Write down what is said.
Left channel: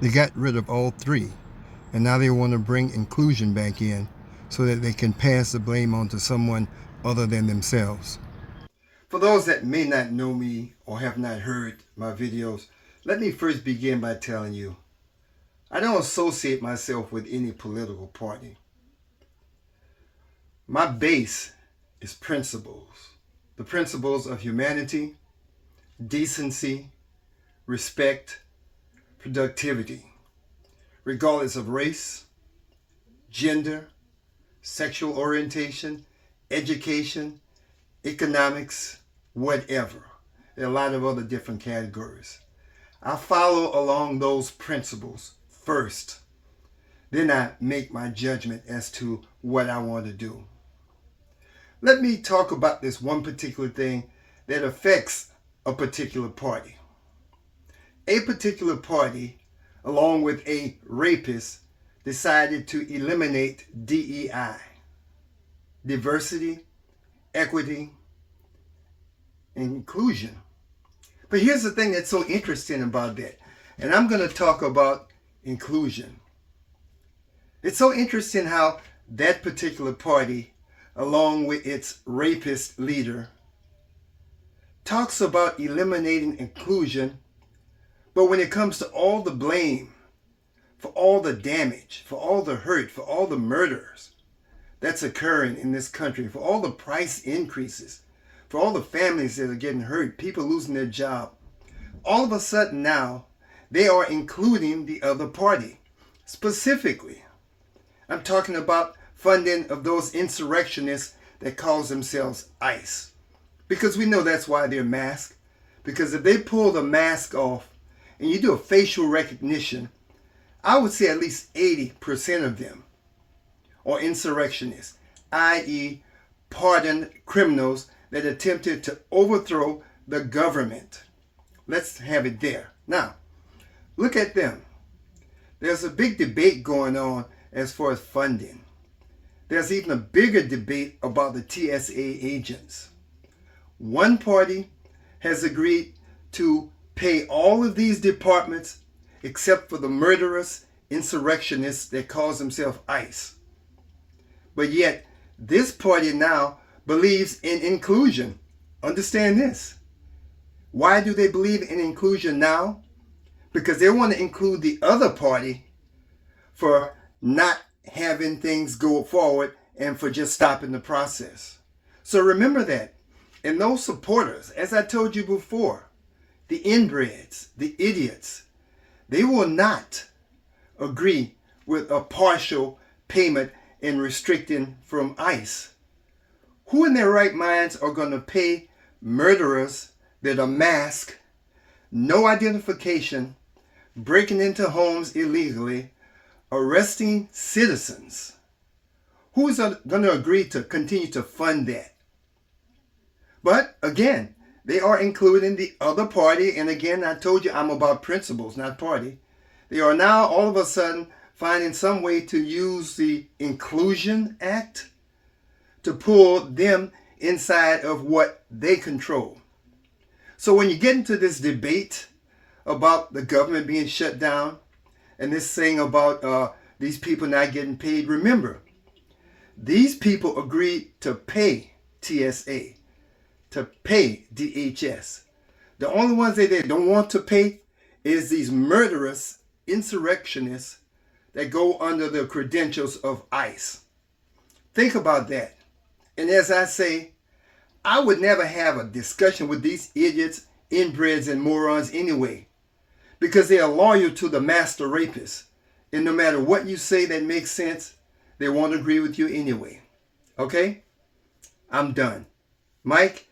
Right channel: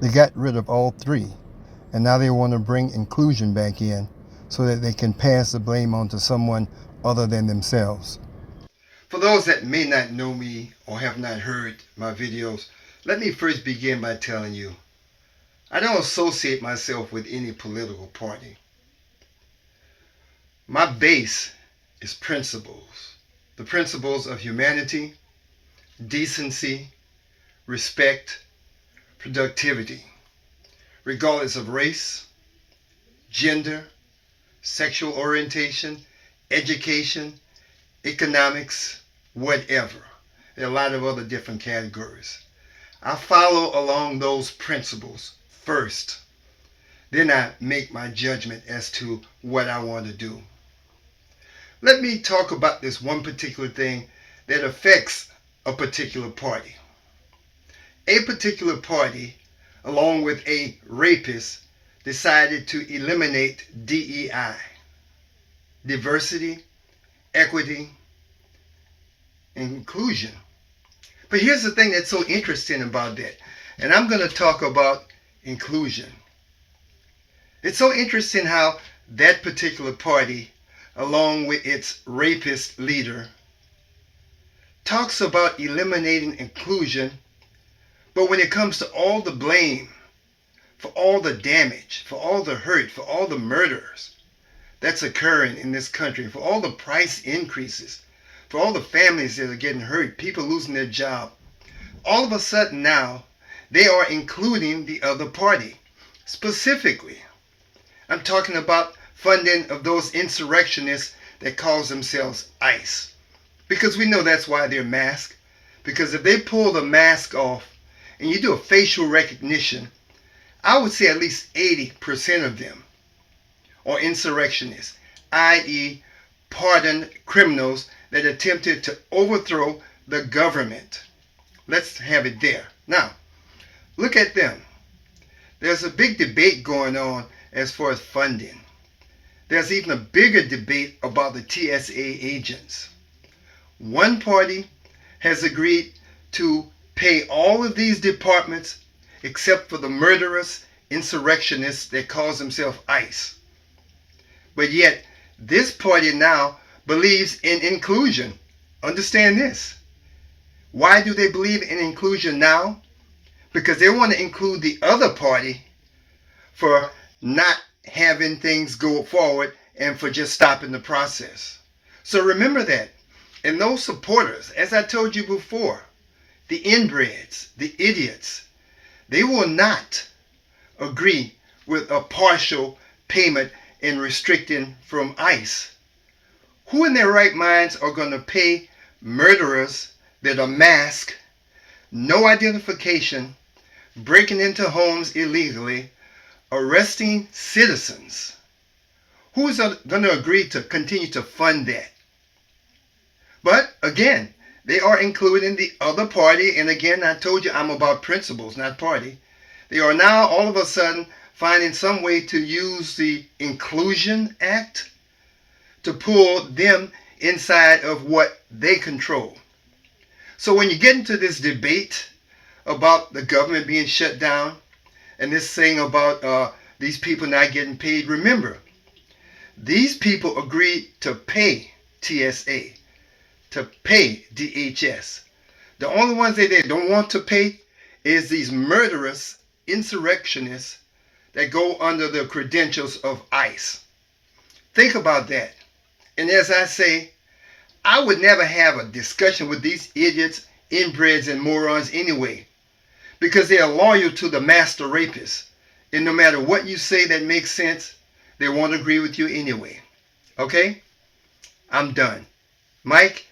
They got rid of all three, and now they want to bring inclusion back in so that they can pass the blame on to someone other than themselves. For those that may not know me or have not heard my videos, let me first begin by telling you I don't associate myself with any political party. My base is principles. The principles of humanity, decency, respect, productivity, regardless of race, gender, sexual orientation, education, economics, whatever. There are a lot of other different categories. I follow along those principles first. Then I make my judgment as to what I want to do. Let me talk about this one particular thing that affects a particular party. A particular party, along with a rapist, decided to eliminate DEI, diversity, equity, and inclusion. But here's the thing that's so interesting about that, and I'm going to talk about inclusion. It's so interesting how that particular party, along with its rapist leader, talks about eliminating inclusion, but when it comes to all the blame for all the damage, for all the hurt, for all the murders that's occurring in this country, for all the price increases, for all the families that are getting hurt, people losing their job, all of a sudden now they are including the other party. Specifically, I'm talking about funding of those insurrectionists that calls themselves ICE. Because we know that's why they're masked. Because if they pull the mask off and you do a facial recognition, I would say at least 80% of them are insurrectionists, i.e., pardoned criminals that attempted to overthrow the government. Let's have it there. Now, look at them. There's a big debate going on as far as funding. There's even a bigger debate about the TSA agents. One party has agreed to pay all of these departments except for the murderous insurrectionists that calls themselves ICE. But yet, this party now believes in inclusion. Understand this. Why do they believe in inclusion now? Because they want to include the other party for not having things go forward and for just stopping the process. So remember that. And those supporters, as I told you before, the inbreds, the idiots, they will not agree with a partial payment in restricting from ICE. Who in their right minds are going to pay murderers that are masked, no identification, breaking into homes illegally, arresting citizens? Who is going to agree to continue to fund that? But again, they are including the other party. And again, I told you I'm about principles, not party. They are now all of a sudden finding some way to use the Inclusion Act to pull them inside of what they control. So when you get into this debate about the government being shut down and this thing about these people not getting paid, remember, these people agreed to pay TSA, to pay DHS. The only ones that they don't want to pay is these murderous insurrectionists that go under the credentials of ICE. Think about that. And as I say, I would never have a discussion with these idiots, inbreds, and morons anyway, because they are loyal to the master rapist. And no matter what you say that makes sense, they won't agree with you anyway. Okay? I'm done. Mike,